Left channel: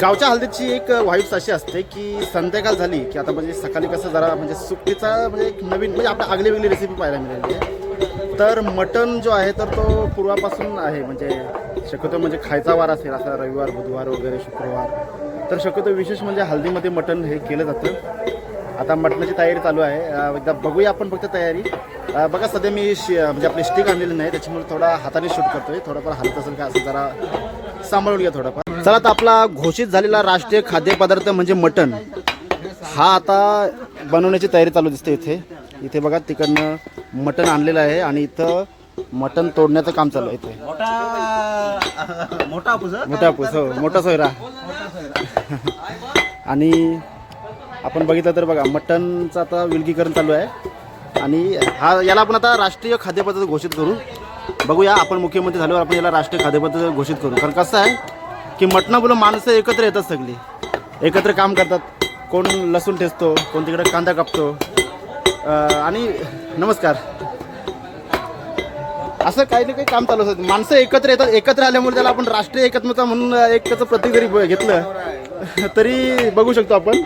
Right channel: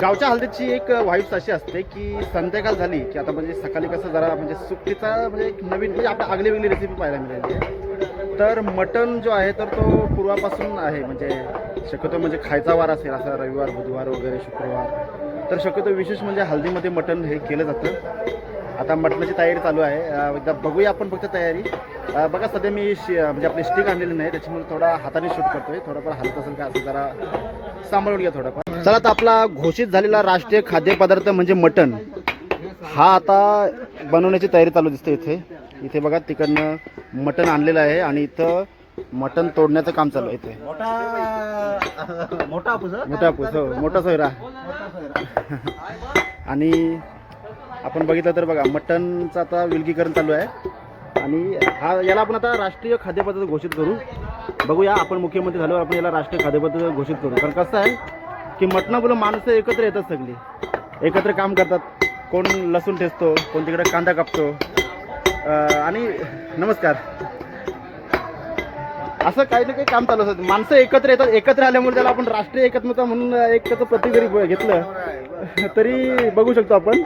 गावच्या हल्दीची एक वाईब्स अशी असते की संध्याकाळ झाली की आता म्हणजे सकाळी कसं जरा म्हणजे सुट्टीचा म्हणजे एक नवीन म्हणजे आपल्या आगली वेगळी रेसिपी पाहायला मिळाली आहे. तर मटण जो आहे तर तो पूर्वापासून आहे म्हणजे शक्यतो म्हणजे खायचा वार असेल असा रविवार बुधवार वगैरे शुक्रवार तर शक्यतो विशेष म्हणजे हल्दीमध्ये मटण हे केलं जातं. आता मटणाची तयारी चालू आहे. एकदा बघूया आपण फक्त तयारी. बघा सध्या मी म्हणजे आपली स्टिक आणलेली नाही त्याच्यामुळे थोडा हाताने शूट करतोय. थोडाफार हलत असेल का असं जरा सांभाळून घ्या थोडाफार. चला आता आपला घोषित झालेला राष्ट्रीय खाद्यपदार्थ म्हणजे मटण हा आता बनवण्याची तयारी चालू दिसते. इथे बघा तिकडनं मटण आणलेलं आहे आणि इथं मटण तोडण्याचं काम चालू आहे. इथे मोठा पूस हो मोठा सोयरा आणि आपण बघितलं तर बघा मटणचं आता विलगीकरण चालू आहे आणि याला आपण आता राष्ट्रीय खाद्यपदार्थ घोषित करू. बघूया आपण मुख्यमंत्री झाल्यावर आपण याला राष्ट्रीय खाद्यपदार्थ घोषित करू. कारण कसं आहे की मटणामुळे माणसं एकत्र येतात सगळी एकत्र काम करतात. कोण लसूण ठेचतो कोण तिकडे कांदा कापतो आणि नमस्कार असं काही ना काही काम चालू असतं. माणसं एकत्र येतात. एकत्र आल्यामुळे त्याला आपण राष्ट्रीय एकात्मता म्हणून एक त्याचं प्रतीक जरी घेतलं तरी बघू शकतो आपण.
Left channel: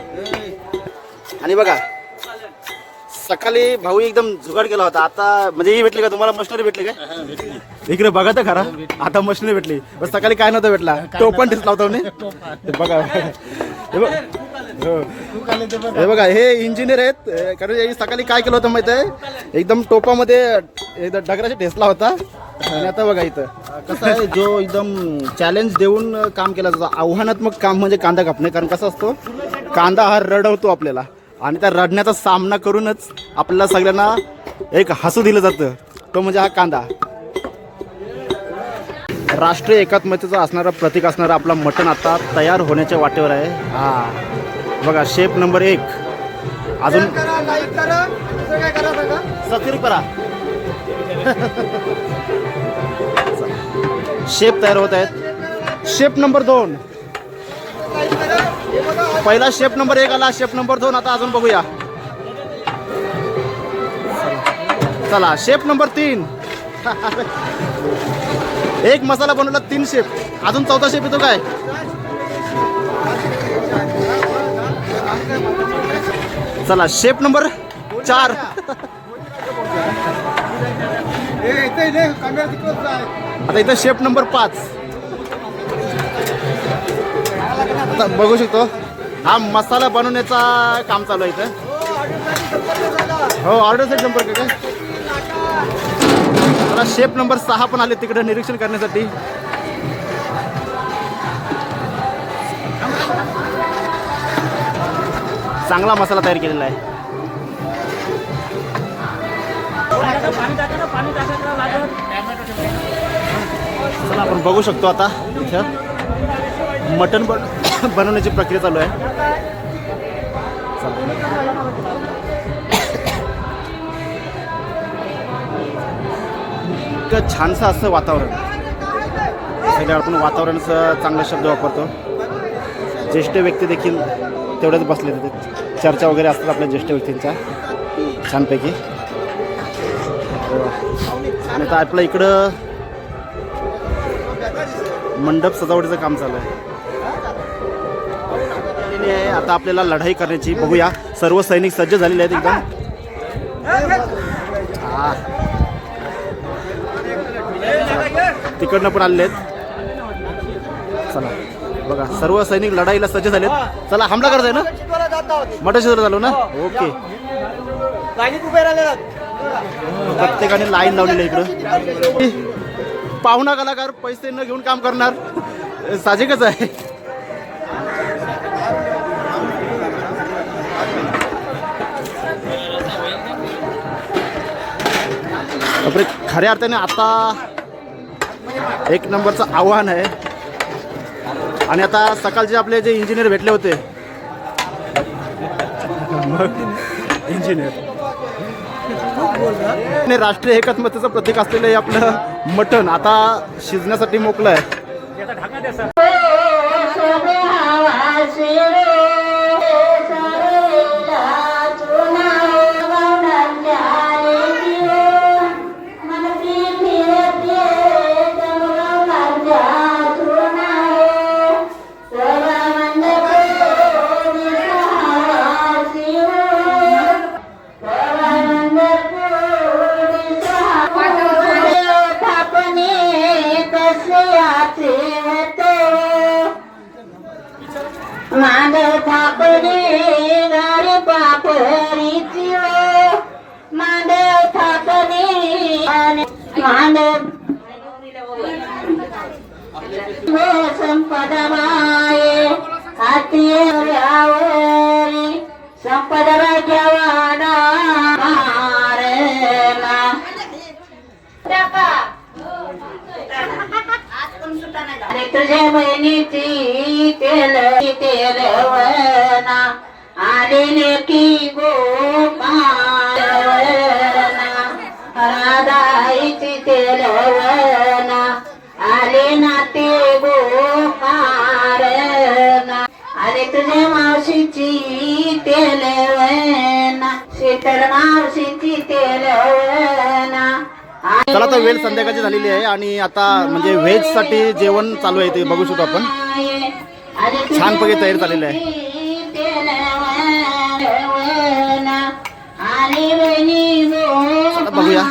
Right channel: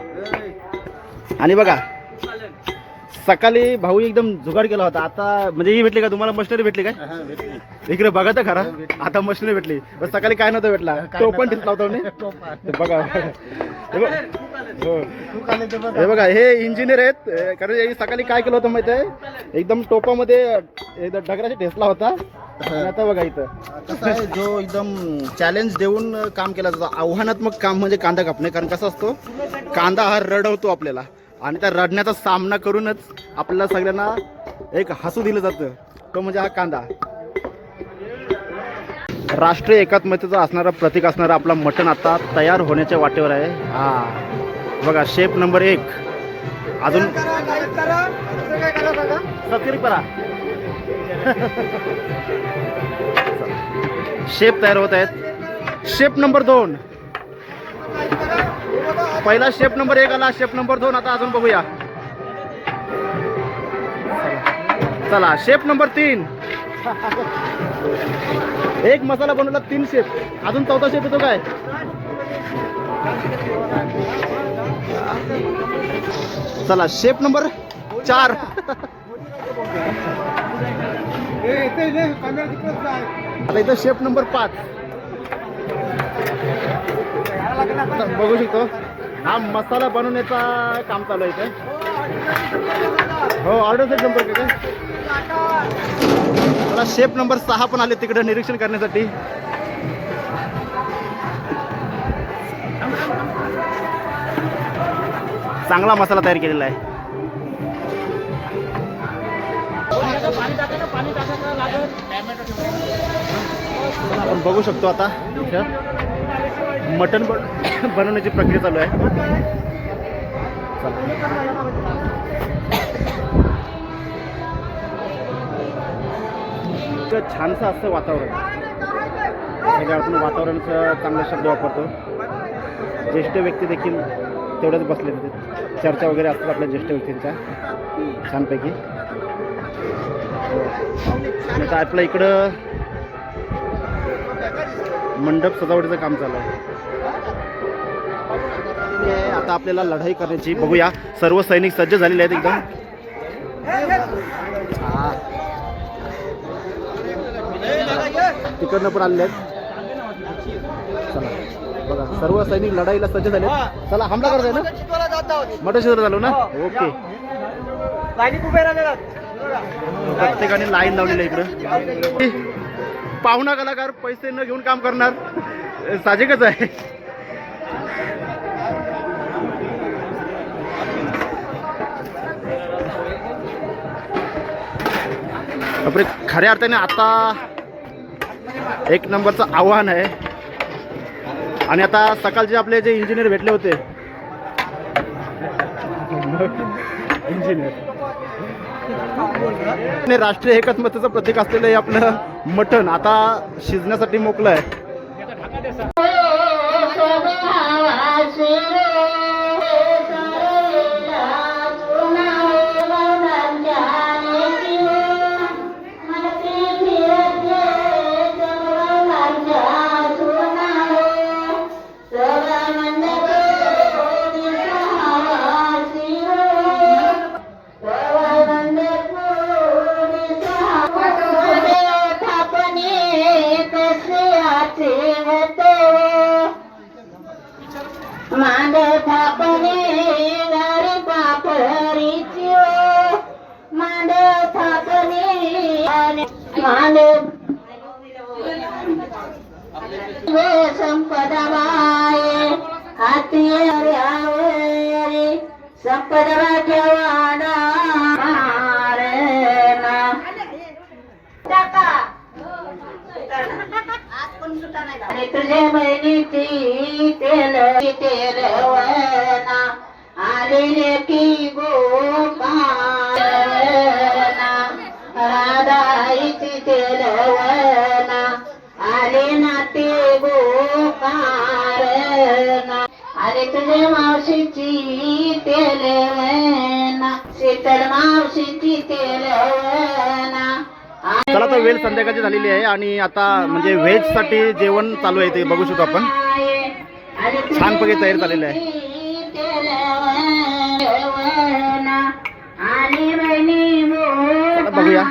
आणि बघा सकाळी भाऊ एकदम जुगाड केला होता. आता म्हणजे ही भेटली का तुम्हाला मशिनरी भेटली काय इकडे बघा तर खरा आता मशिनरी भेटली. बस सकाळी काय नव्हतं भेटला तो पण दिसला होता बघा. हे बघा हे इंजिनियर आहेत कारण सकाळी काय केलं होतं माहिती आहे एकदम टोपामध्ये एकदम डगराशी ठेसला होता. आणि आता बघा इथं कसं आहे जो एकदम चॅलेंज देऊन काम केलं जातं आव्हानात्मक काम म्हणजे कांदा कापणे. कारण कसं असतो कांदा हा रडवतो आपल्याला आणि त्या रडण्याचा सामना करूनच आपल्याला सगळ्यांना एक हसू दिलं जातं तो म्हणजे हा कांदा. राष्ट्रीय एकात्मतेचं असणारं प्रतीक असणारं आपला मटण आता तयार होण्याच्या वाटेवर आहे. हा बघा शेप नंबर 1 अजून सबस्क्राईब करा. शेप तयार होत आहेत. शेप नंबर 2 पहिला शेप नंबर 1 आला. शेप नंबर 2 आता अजून बघूया. चला शेप नंबर 3 एक मसाला बनवला 3 शेप अजून चौथा शेप येतो काय. चला शेप नंबर 4 आता इथं शेप नंबर 5 बघू शकतो. हा मसाला बनवण्याचा काम चालू आहे इथं. हो ऑर्डर सेट नंबर काय चला शेप नंबर 6 पण आले तिकडे निरीक्षण करण्यासाठी. चांगला मसाला तयार केलेला आहे. चला आपण बघू शकतो आता इथं मटण बनवण्याची प्रक्रिया चालू आहे. इतकं छानसं असं वातावरण सगळं आपण वातावरणाचा चांगला शब्द वापरतो. ज्येष्ठ व्यक्ती देखील तेवढ्याच बसले तिथे चर्चा वगैरे असतात आपल्या ज्येष्ठ व्यक्तींच्या छानपैकी. आणि आता आपल्या इकडं मंडप सजावटीचं काम चालू आहे. आता आपल्याला लढाई करण्याची बघूया. सर्व सैनिक सज्ज झालेले आहेत एकदम. तिकडनं पण आलेले आहेत. चला बघा सर्व सैनिक लढाईला सज्ज झालेत. चला हमला करायचा आहे ना मटण शिजवलं झालो ना. ओके प्रत्येकाने लाईन लावलेली इकडं. पाहुणा कलाकार पैसे न घेऊन काम करणार साहजिकच आहे. बापरे, खऱ्या अर्थाने आता एक नंबरचं आव्हान आहे. आणि आता सकाळचे आपले जे इंजिनियर भेटले होते, इंजिनियर राष्ट्रीय एकात्मतेचं प्रतीक असलेलं हे आपलं मटण आता शिजण्यासाठी मोकळं आहे. मांडव थापणे गाडी पापरीची मांडव थापणे मांडव संपदा माये हाती यावरी संपदा ठेवाडा मारेला आणि तुझ्या बहिणीची तेलवना आलेले की गोपालवना राधाईची तेलवना आले ना ते गोपालना आले तुझ्या मावशीची तेलवना शीतल मावशीची तेलवना. चला तर वेळ संध्याकाळची झालेली आहे आणि आता म्हणजे व्हेजसाठी जेवण चालू आहे ते बघू शकतो आपण. छानपैकी तयारी झालेली आहे. चला बघूया.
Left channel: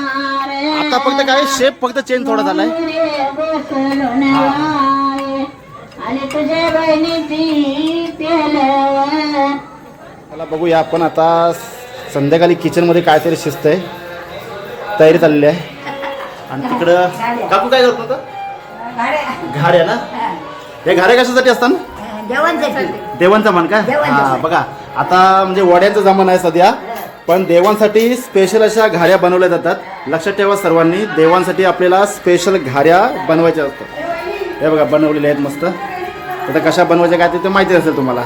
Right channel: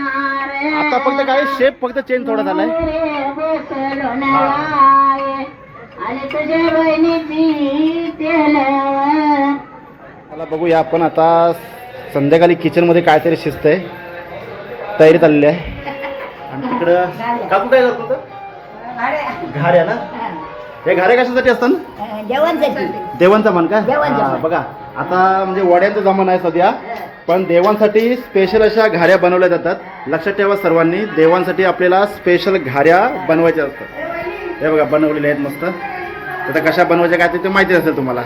आता फक्त काय शेप फक्त चेंज थोडा झालाय. चला बघूया आपण आता संध्याकाळी किचनमध्ये काहीतरी शिजतंय, तयारी चाललेली आहे. आणि तिकडं काकू काय करतो होतं? घाऱ्या ना. हे घाऱ्या कशासाठी असतात? देवांचा मान का? बघा आता म्हणजे वड्यांचा जमाना आहे सध्या, पण देवांसाठी स्पेशल अशा घाऱ्या बनवल्या जातात. लक्षात ठेवा सर्वांनी, देवांसाठी आपल्याला स्पेशल घाऱ्या बनवायच्या असतात. हे बघा बनवलेल्या आहेत मस्त. आता कशा बनवायच्या काय ते माहिती असेल तुम्हाला.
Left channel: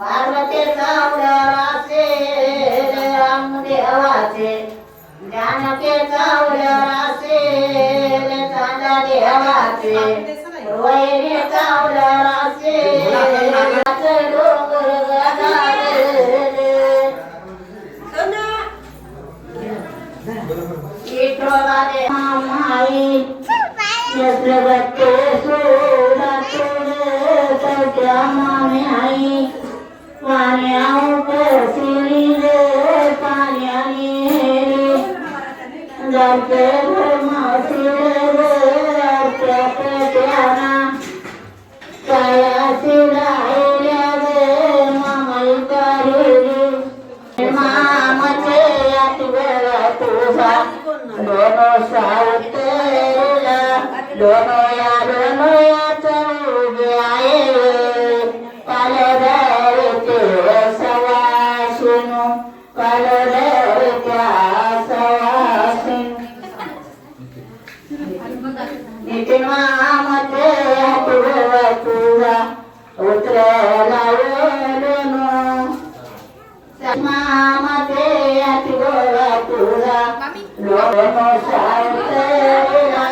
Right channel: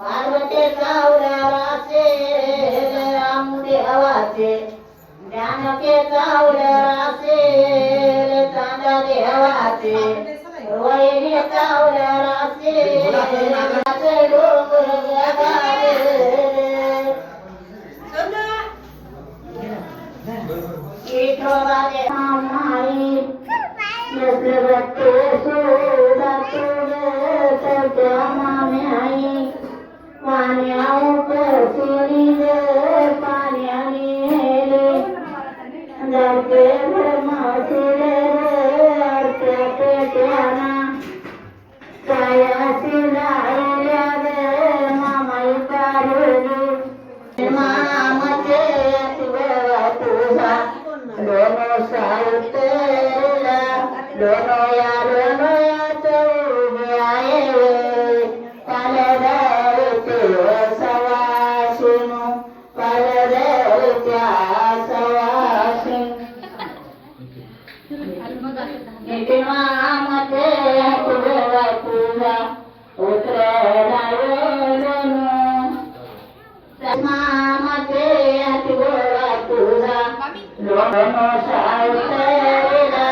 पार्वतीचा उदर असेल रामदेवाचे, जानकीचा उदर असेल चांदा देवाचे, वैरीचा उदर असेल डोंगर गजानन, विठोबाने माई जगते सुरातुर सगळ्या मामे आई पाण्याऊ कसिरी रे पाण्याने रे जाते मासिरे रे पेट्याना कायासी राहिल्या रे मामाईचा रे मामाचे आठवड तुझा लोनो सावतेला लोनोया चौबे आहे पालदरते सवाशिनो पालदरत्या सवाशिनो नितीन मामाचे आठवड तुझा उतरला लोनो मामाचे आठवड तुझा लोनो सावतेला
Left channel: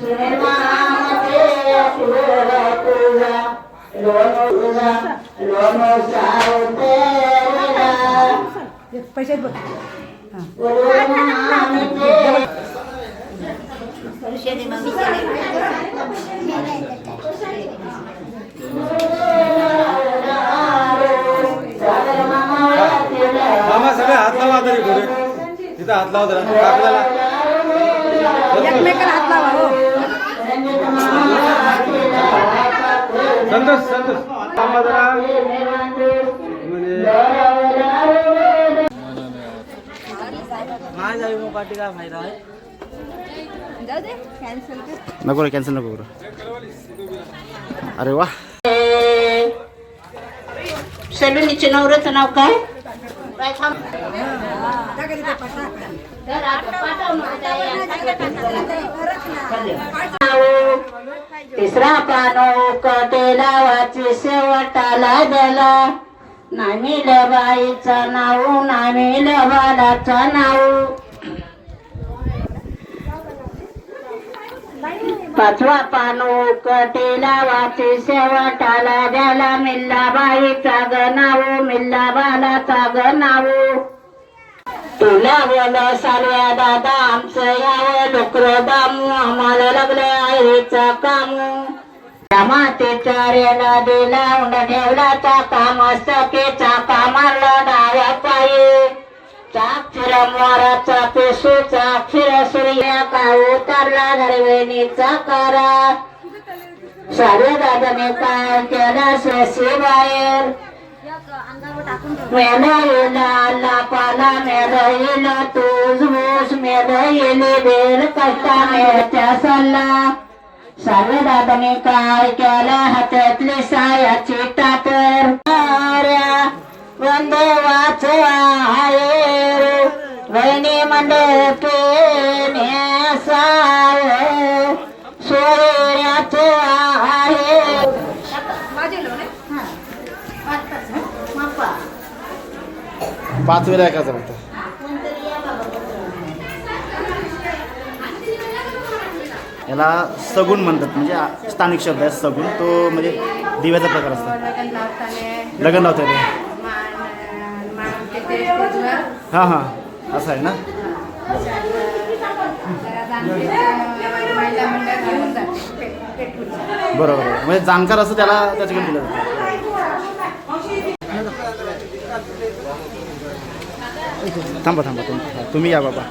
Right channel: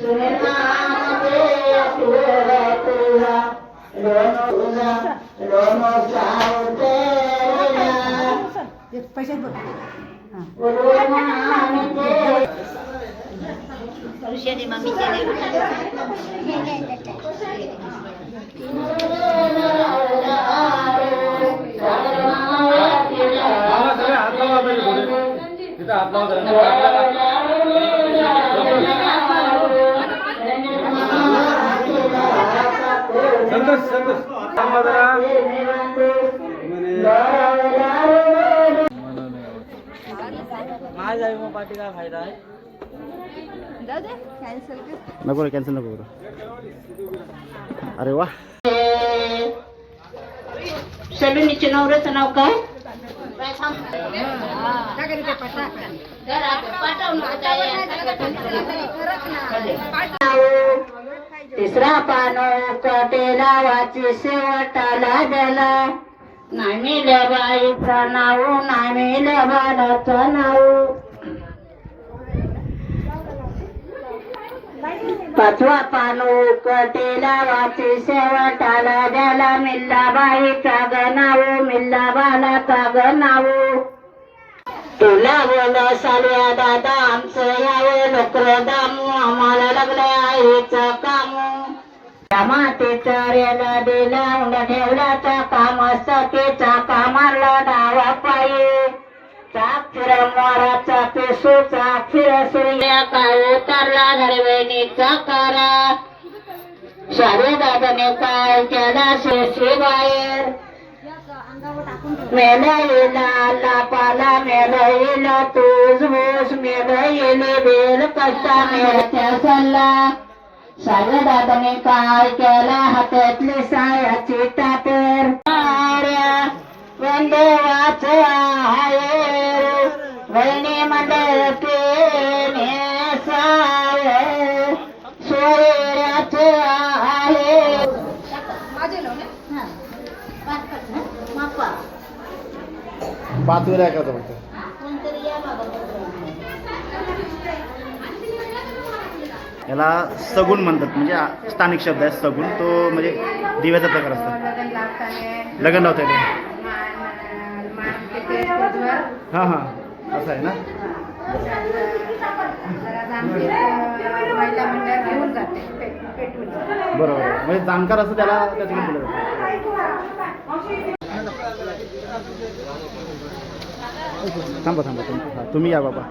सुनील मामाचे आठवड तुझा लोनो सावतेला मामा सगळे हात लावा तरी बघ तिथं हात लावा संतोष संतोष मामा जरा नाही जावी मग पाठी काय फायदा आहे नको रे कॅन्सल नको करू अरे वा सलुनीचे नवऱ्याचं नाव काय तिसरा पानो कटेला वाची शेवटाला दिला नामिल्या बाईचा नाव नामिल्या बालाचा नाव पाचवा पानो कटेला वाची शेवटाला द्याला मिल्लाबाईचा ग नाव मिल्लाबालाचा ग नाव तुला बोल सालव्या दादा आमचं यावं डोकर दामू आम्हाला लागलं आईचं कामू मातेच्या रेला दिला उंड ठेवला चाका मस्तकेचा कामाला डावा पायी चाक्षर मोराचा पेशू चाक्षर सूर्या का उतरला धरवेणीचा करा सारे दादाने काय केला शेशी बाहेर मेला येला पाला मेला येला तूज भूस मेला येली बेल कष्टा मेळच्या सल्ला सारे दादाने काय केलं हातातली सायाची टापर वंदवाच आहे वहिनी मंडपे नेसाव सोयऱ्याच आहे पाच वेळा ऐकायचं फक्त याला सगुण म्हणतात म्हणजे स्थानिक शब्द आहे सगुण तो म्हणजे दिव्याचा प्रकार असतो लग्न लावता येते हां हां असं आहे ना बरोबर आहे म्हणजे जाणकार असं त्याला त्याच्याकडे दिलं जातं थांबा थांबा तुम्ही या बाबा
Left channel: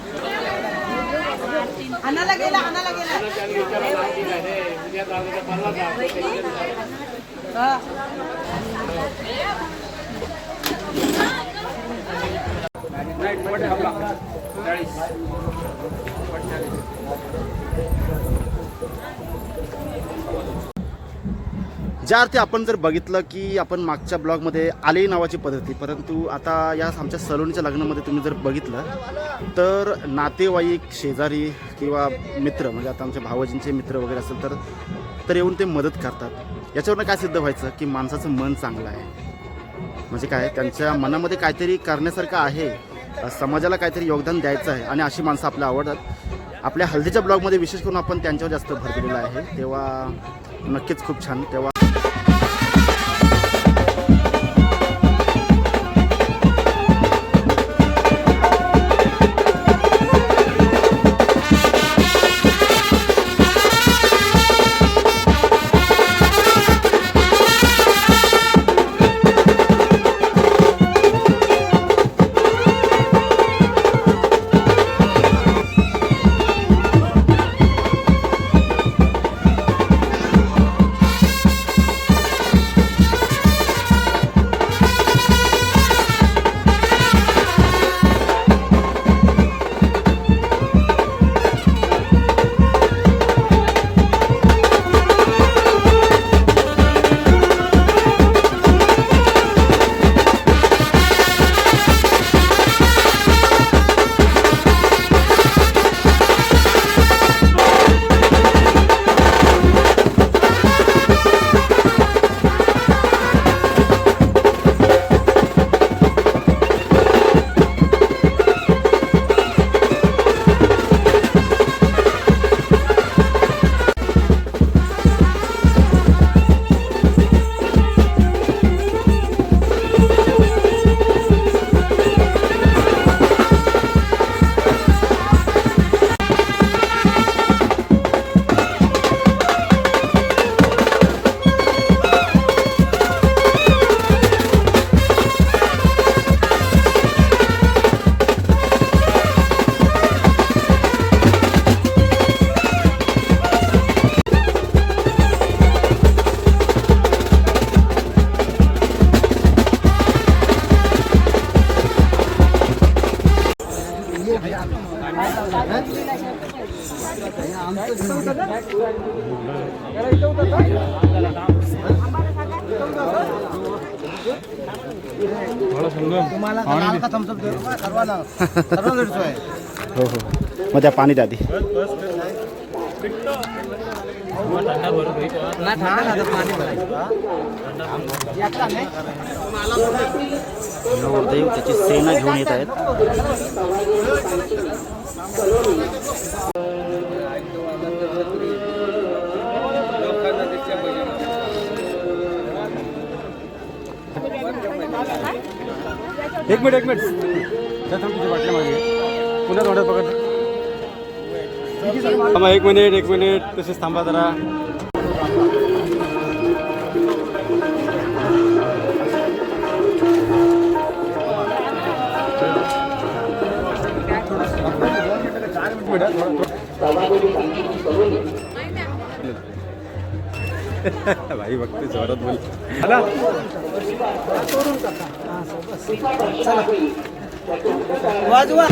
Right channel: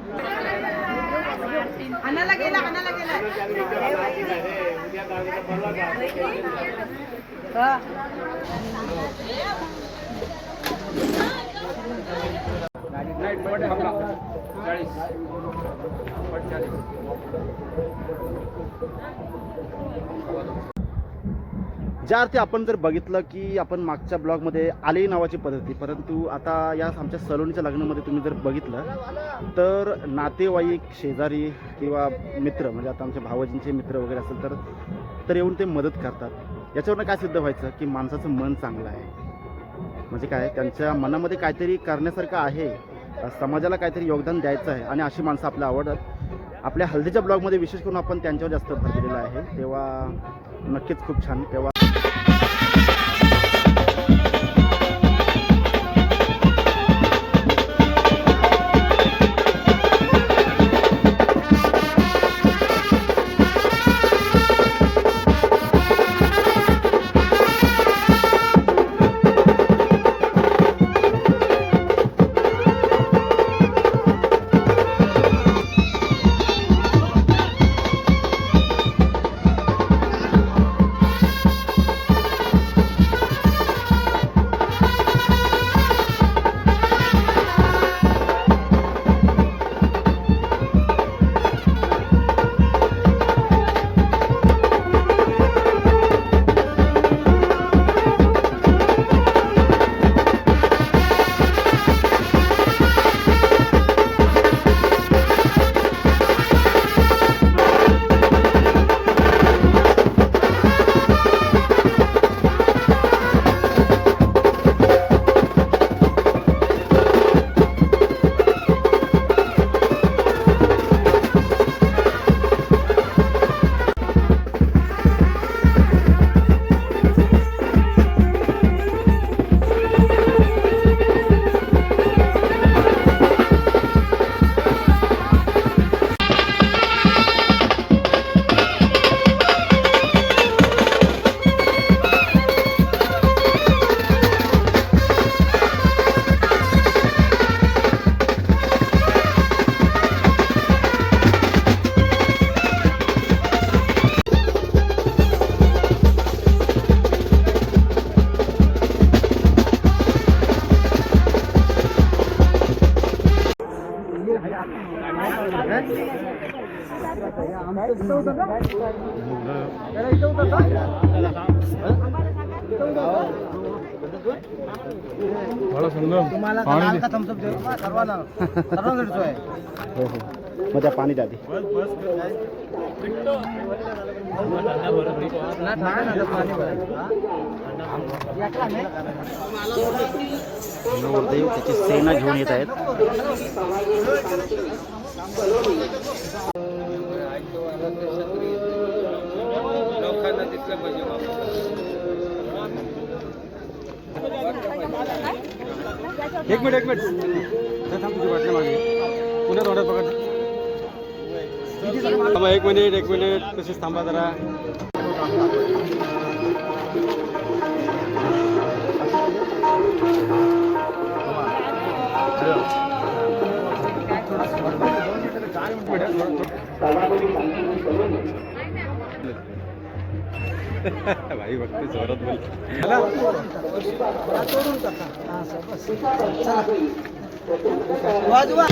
ज्या अर्थी आपण जर बघितलं की आपण मागच्या ब्लॉगमध्ये आलेई नावाची पद्धती, परंतु आता या आमच्या सलोनीच्या लग्नामध्ये तुम्ही जर बघितलं तर नातेवाईक शेजारी किंवा मित्र म्हणजे आता आमच्या भावजींचे मित्र वगैरे असेल तर तर येऊन ते मदत करतात. याच्यावरनं काय सिद्ध व्हायचं की माणसाचं मन चांगलं आहे. म्हणजे काय, त्यांच्या मनामध्ये काहीतरी करण्यासारखं आहे, समाजाला काहीतरी योगदान द्यायचं आहे आणि अशी माणसं आपल्याला आवडतात. आपल्या हल्दीच्या ब्लॉगमध्ये विशेष करून आपण त्यांच्यावर जास्त भर दिलेला आहे. तेव्हा नक्कीच खूप छान. तेव्हा तुम्हाला लाल का थम्सअप देऊ का सर्वांना सर्वांना आहे. हो हो, मग त्या पाणी द्या आधी. नवरदेव त्याची सेना घेऊन येत आहेत. एक मिनिट पुन्हा थोडं पकड. एक मिनिट तसेच थांबा जरा. भाई बघते जोरात वाजवा.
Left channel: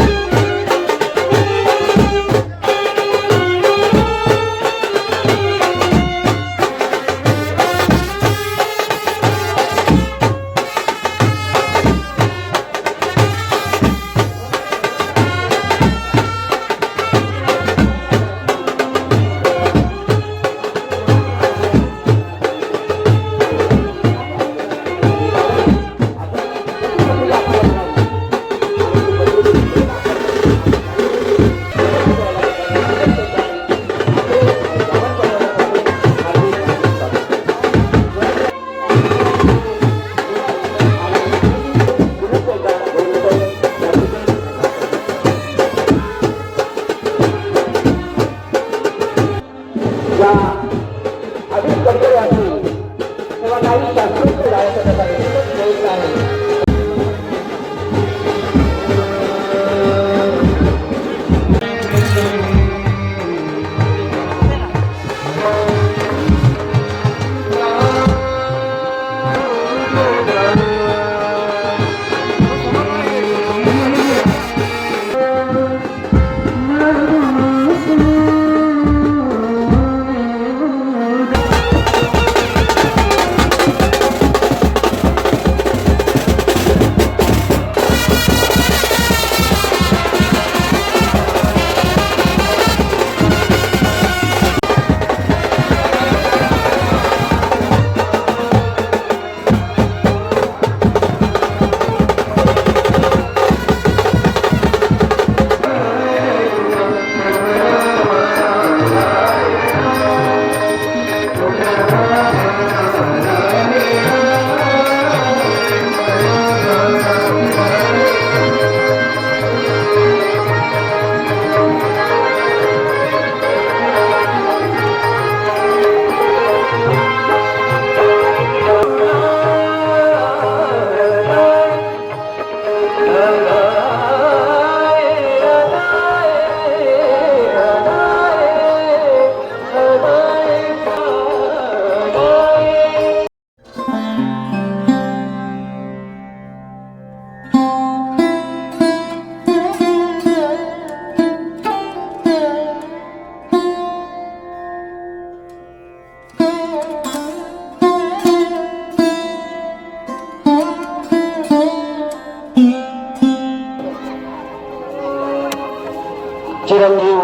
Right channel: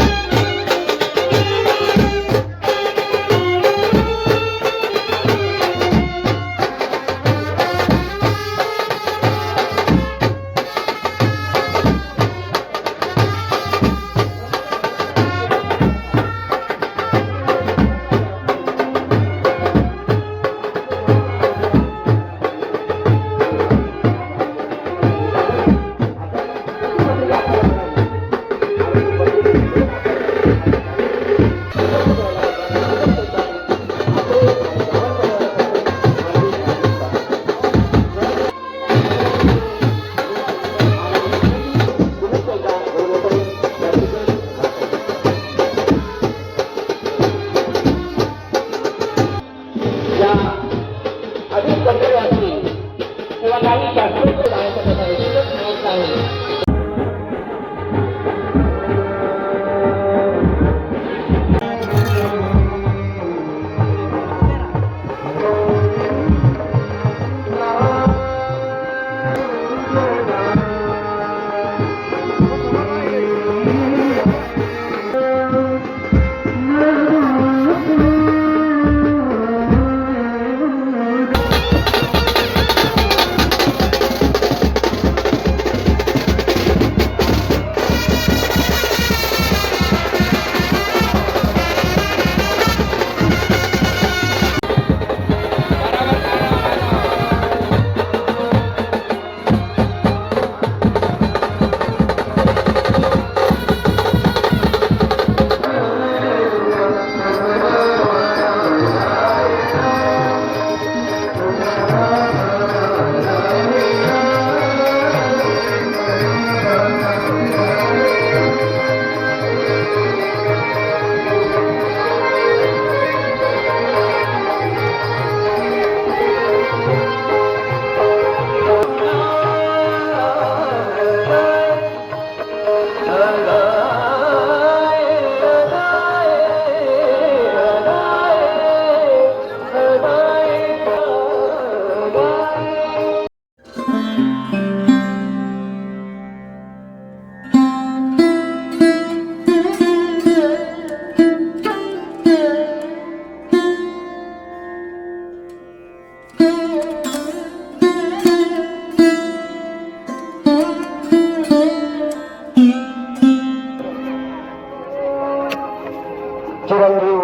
चिरंजीव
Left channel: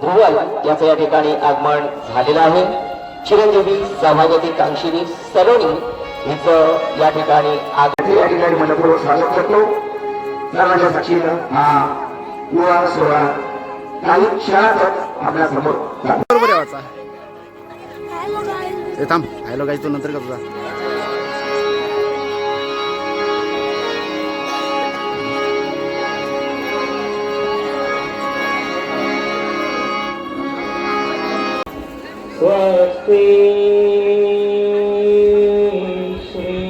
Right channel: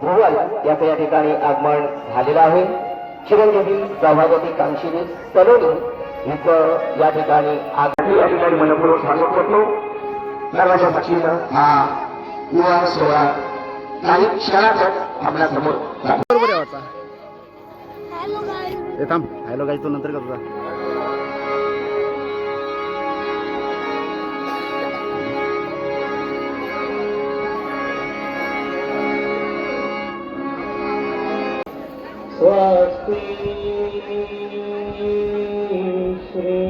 ध्रुवल याचं या ठिकाणी आगमन झालेलं आहे. चिरंजीवी सभापती कांक्षिणी सलोनी हिचं या ठिकाणी आगमन या ठिकाणी मनपूर्वक स्वागत करतो. सर्वांच्या साक्षीनं हा युवा सोहळा काही क्षणातच आपल्या समोर बरोबर आहे वाचा ते थांब हॅलो गाईज तो नंतर करतो. स्वस्ति श्री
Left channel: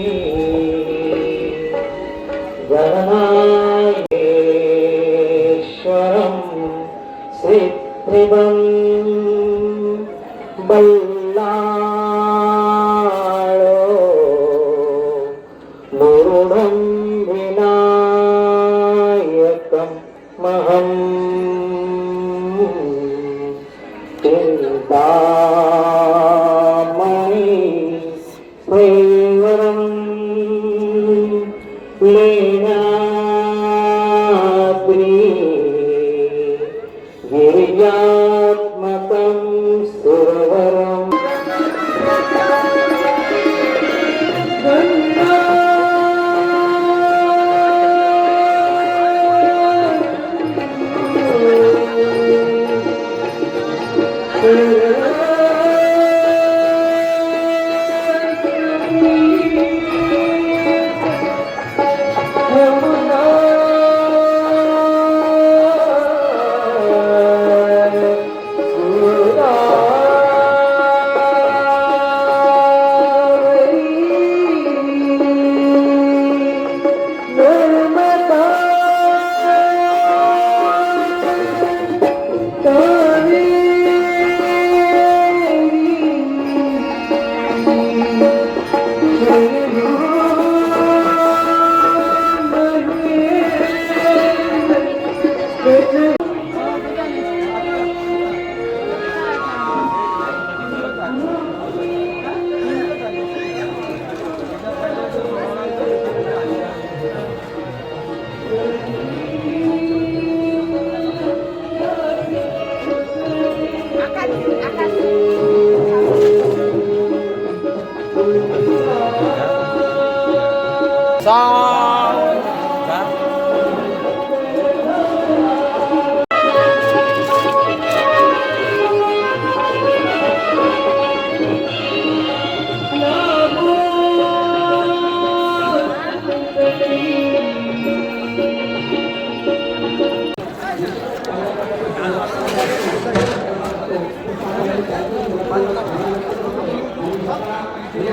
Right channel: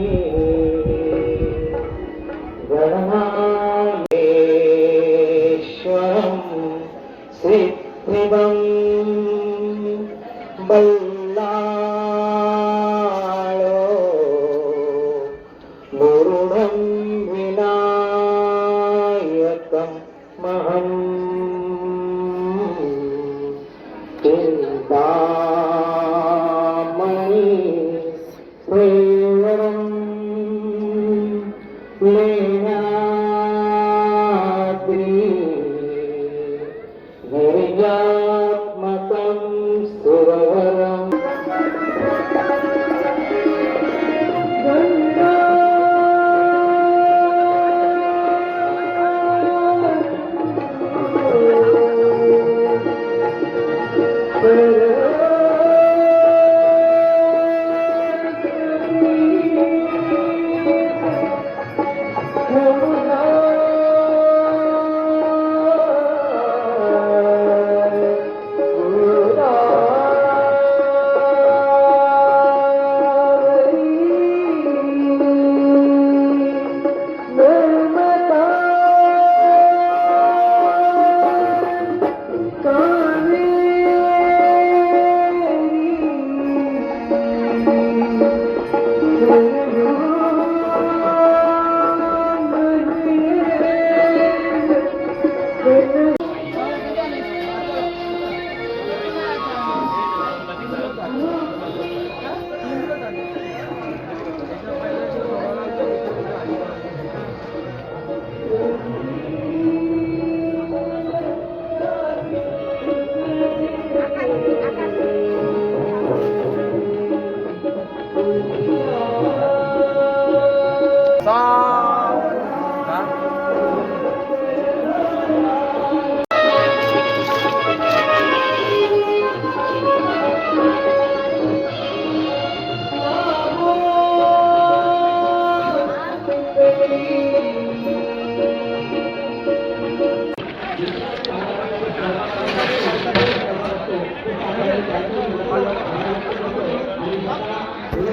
गणनायेश्वरं श्रीत्रिदं बल्लाळो मुरुडं विनायकं महं चिन्तामणि प्रेवरं लेनाद्रि गिरिजात्मकं सुरवरम्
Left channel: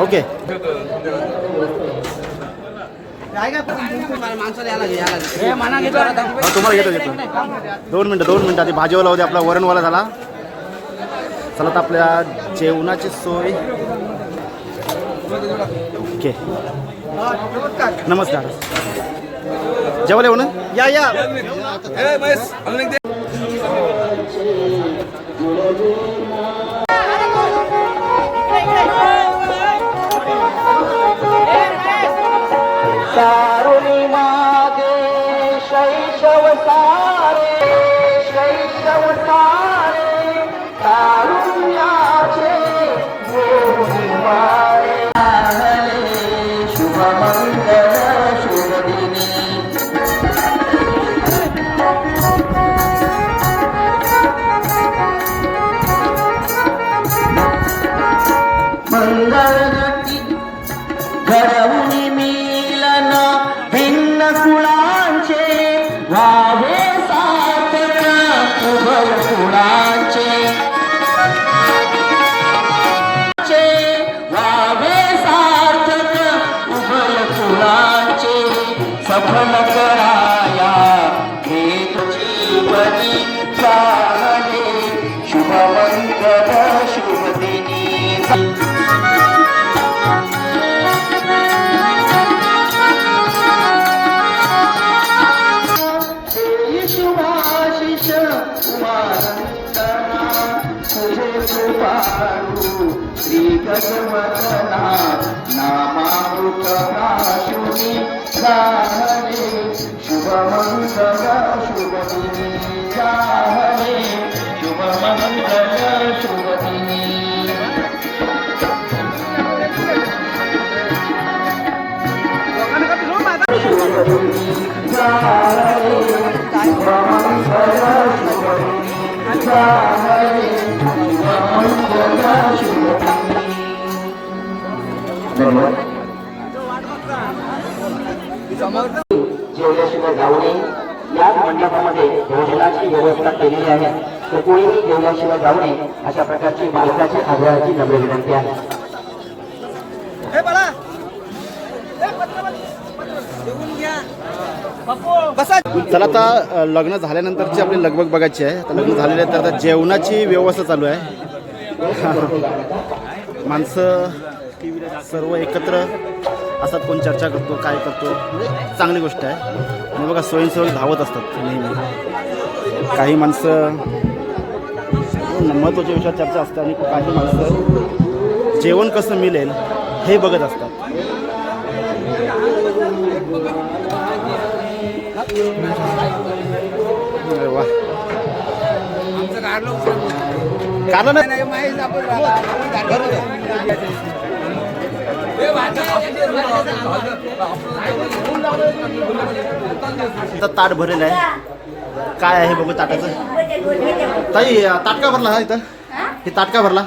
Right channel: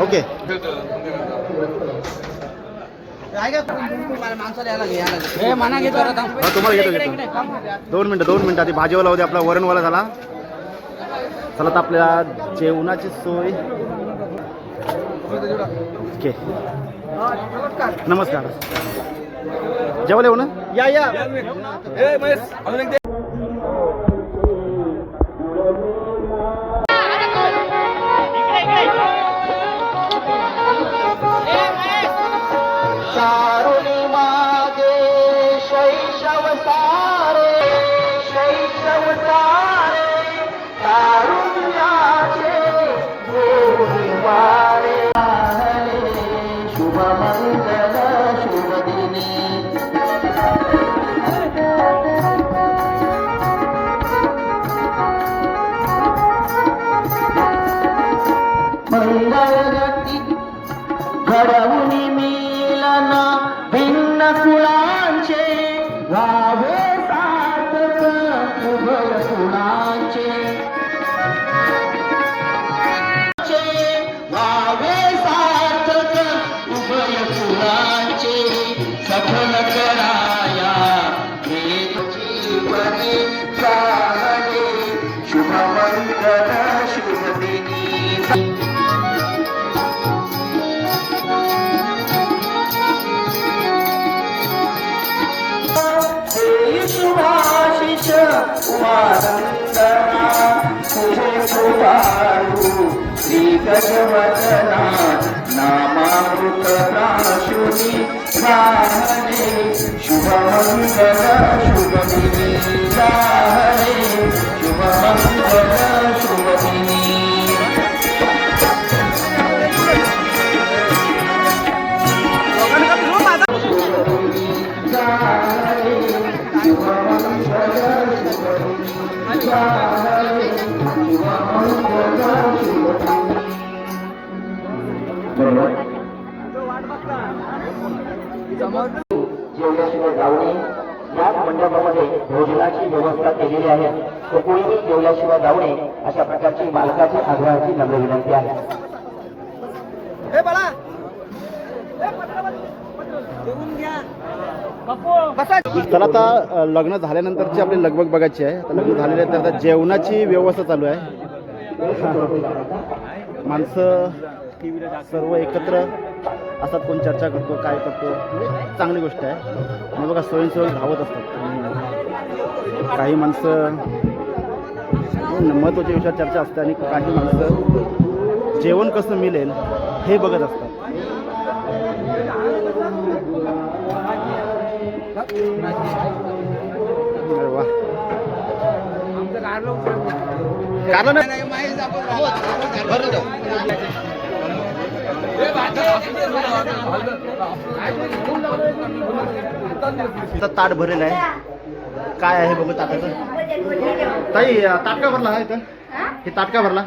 ओके हा तुम्हाला घेतो 2 मिनिटं आधी भाजीवाला होते आपला वरणवाला झाला. चला तर आपल्या जेवणाची सोय. ओके नमस्कार जेवायला येऊ ना या या घडवून मिलन भिन्न कुळांचे व्हावे सार्थक उभय कुळांचे व्हावे सार्थक उभय कुळांचे सफल कराया हेतुची बरी झाले शुभमंगल शुभदिनी शुभाशिष श्री भगवतना नामामृतना शुनि शुभमंगल शुभदिनी हरे धन्यवाद. जेवल्याशिवाय जाऊ नये. या मंडपामध्ये भोजनाची व्यवस्था केलेली आहे, तर कोणीही जेवल्याशिवाय जाऊ नये अशा प्रकारची मालकाची आग्रहाची नम्र विनंती आहे. चला आता लग्न झाल्यानंतरची आपली लगबग बघायची आहे. आता लग्न झालेलं आहे तर आता जेवणाची व्यवस्था चालू आहे. माणसं सर्व एकत्र असतात, कोण चर्चा करतो, काय करतो, म्हणजे चांगली गोष्ट आहे. आणि बघा स्वयंसेवक धावत असतात नेहमी. काही माणसं महत्त्वाच्या विषयावर चर्चा असते आणि काही माणसं जेवण कसं मिळेल हे बघत असतात. अरे वा, कारण ताट भरेल आहे. काय आहे बघू ताटाचं. ताई ताट का भरला हा इथं? हे ताट का भरला?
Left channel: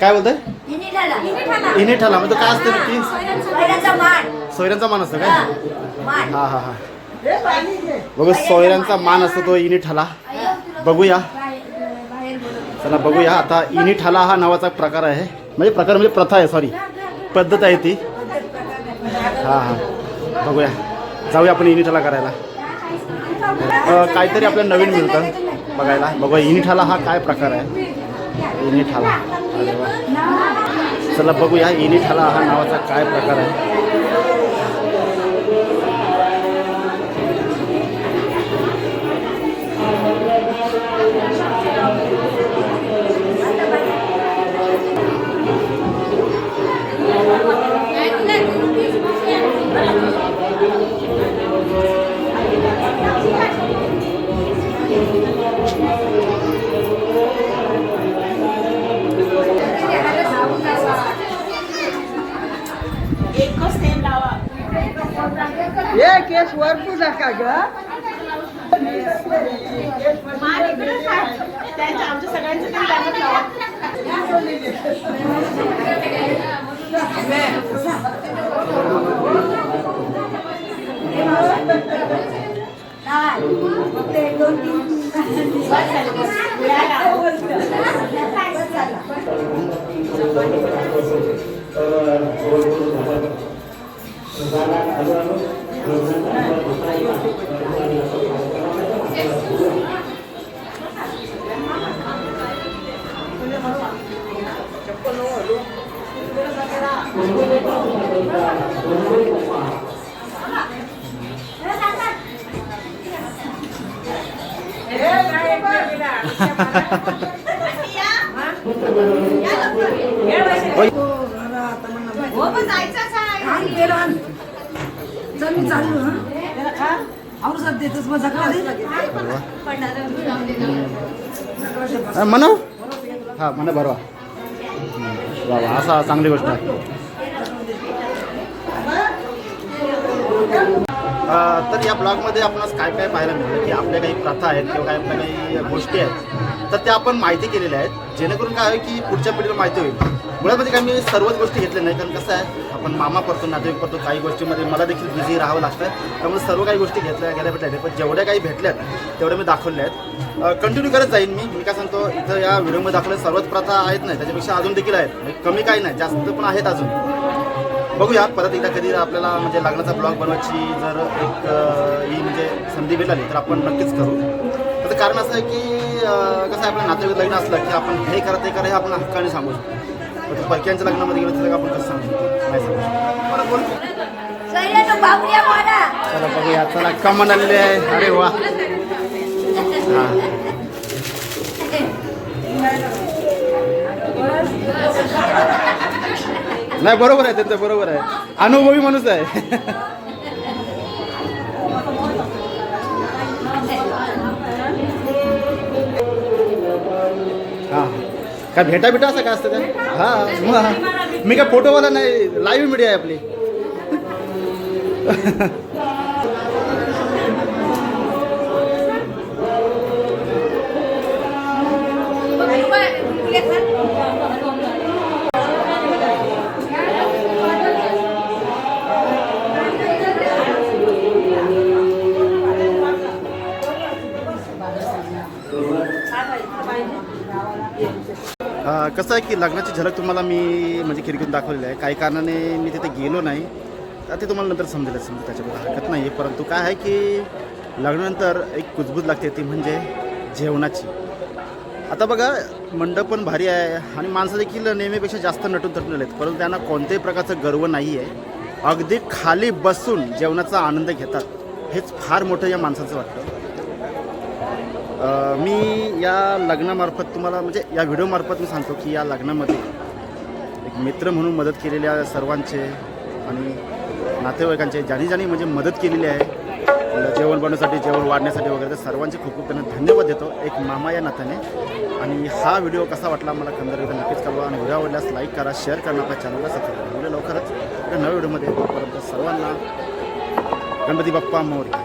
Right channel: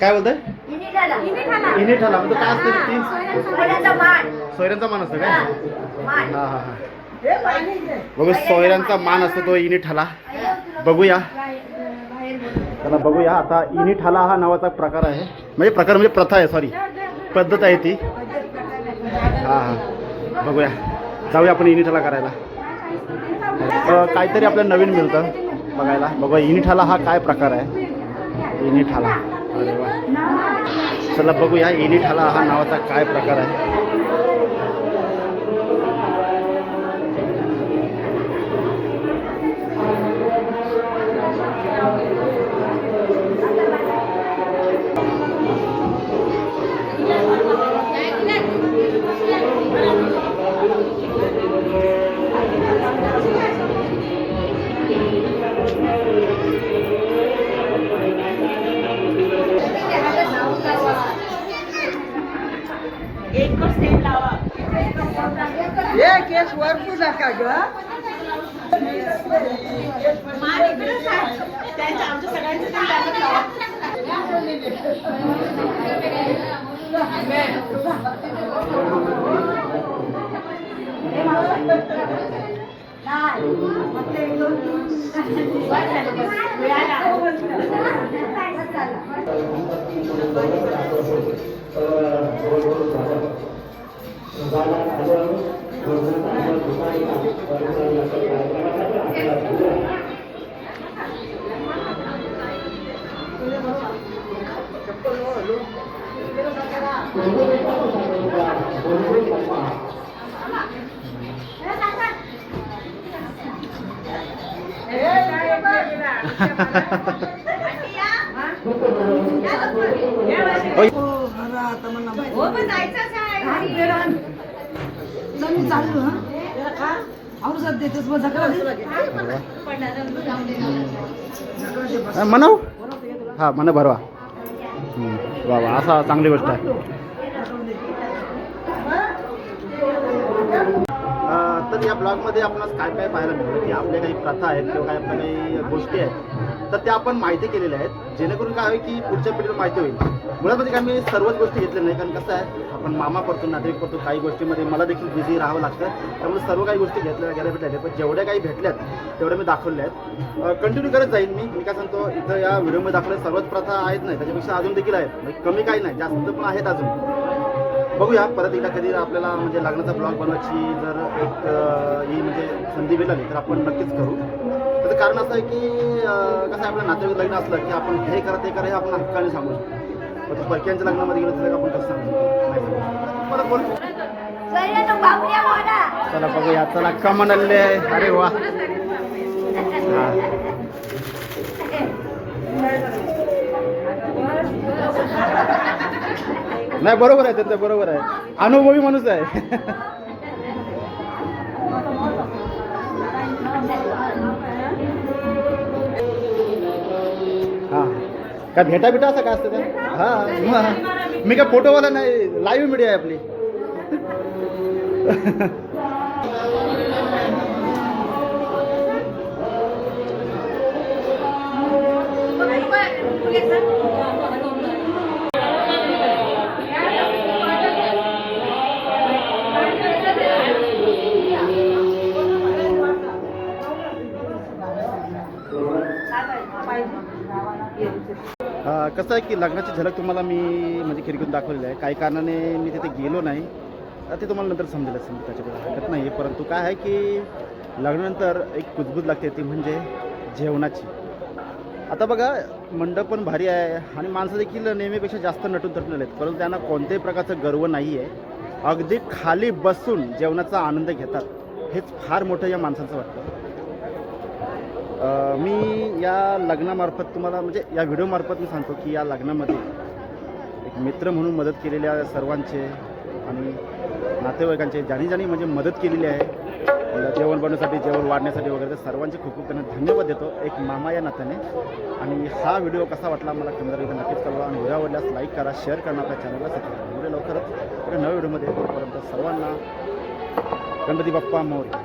काय बोलतंय? इने ठाला म्हणजे काय असतं नक्की? सोयऱ्यांचा मान असतो काय? हा हा हा, बघू सोयऱ्यांचा मान असतो तो इनी ठाला. बघूया, चला बघूया. आता इनी ठाला हा नावाचा प्रकार आहे, म्हणजे प्रथा आहे, सॉरी पद्धत आहे ती. हां हां, बघूया, जाऊया आपण इनी ठाला करायला. काहीतरी आपल्याला नवीन मिळतं बघायला. बघूया इनी ठाला हा काय प्रकार आहे. इनी ठाला, अरे वा, चला बघूया इनी ठाला हा नावाचा काय प्रकार आहे. म्हणाव हा म्हणा बरवा. वा वा, असा चांगली गोष्ट आहे. तर या ब्लॉगमध्ये आपणास काय काय पाहायला मिळतं की आपल्या काही प्रथा आहेत किंवा काय आपल्या काही गोष्टी आहेत, तर त्या आपण माहिती केलेल्या आहेत, जेणेकरून काय आहे की पुढच्या पिढीला माहिती होईल. मुळात म्हणजे काय मी सर्वच गोष्टी घेतल्या नाही, कारण कसं आहे आपण मामा करतो, नातेवाईक करतो, काही गोष्टीमध्ये मला देखील बिझी राहावं लागतं, त्यामुळे सर्व काही गोष्टी गेल्या भेटल्या. पण जेवढ्या काही भेटल्यात तेवढ्या मी दाखवल्या आहेत. कंटिन्यू करत जाईन मी काय सांगतो. इथं या व्हिडिओमध्ये दाखवल्या सर्वच प्रथा आहेत नाही, त्याच्यापेक्षा अजून देखील आहेत, म्हणजे कमी काही नाही, जास्त पण आहेत अजून. बघूया परत एकदा कधी आपल्याला म्हणजे लग्नाचा ब्लॉग बनवायची जर एक ही म्हणजे संधी मिळाली तर आपण नक्कीच करू. त्याचं कारण असं आहे की कसं आहे, आपलं नातेवाईक लग्न असलं की आपण हे करा ते करा हे आपण हक्काने सांगू शकतो. पण परक्यांच्या लग्नामध्ये गेलं तर आपण कसं सांगू शकतो, नाही सांगू शकतो. परत बोल. चला बघूया, चला कमन आलेले आहे. अरे वा, हां नाही बरोबर आहे त्यांचं, बरोबर आहे, अनुभवी माणूस आहे. काय भेटा असं काय असतं काय? हां मग मी काय फोटोवाला नाही, लाईव्ह मीडिया आहे आपली. कसं आहे की लग्नाची झलक तुम्हाला मी म्हणजे खिडकीतून दाखवलेली आहे. काही कारणाने मी तिथे गेलो नाही, ते तुम्हाला नंतर समजेल त्याच्याबद्दल हरकत नाही आहे. परंतु काय आहे की लग्नानंतर एक कुजबूज लागते, ती म्हणजे जेवणाची. आता बघा मंडप पण भारी आहे आणि माणसं देखील नेहमीपेक्षा जास्त नटून थटून आलेत, परंतु त्यांना कोणत्याही प्रकारचं गर्व नाही आहे. अगदी खाली बसून जेवणाचा आनंद घेतात, हेच फार मोठं या माणसाचं वाटतं. मी या लग्नामार्फत तुम्हाला म्हणजे या व्हिडिओमार्फत मी सांगतो की या लग्नामध्ये एक मित्र म्हणून मदत केलेल्या सर्वांचे आणि नातेवाईकांचे ज्यांनी म्हणजे मदत केलेली आहे जेवण बनवण्यासाठी, जेवण वाढण्यासाठी वगैरे, तर सर्वांचे खूप खूप त्यांना धन्यवाद देतो एक मामा या नात्याने. आणि हा व्हिडिओ कसा वाटला मला कमेंट नक्कीच कळवा आणि व्हिडिओ आवडल्यास लाईक करा, शेअर करा, आपल्या चॅनलला सबस्क्राईब करा. व्हिडिओ लवकरच एका नव्या व्हिडिओमध्ये. तोपर्यंत सर्वांना गणपती बाप्पा मोरया.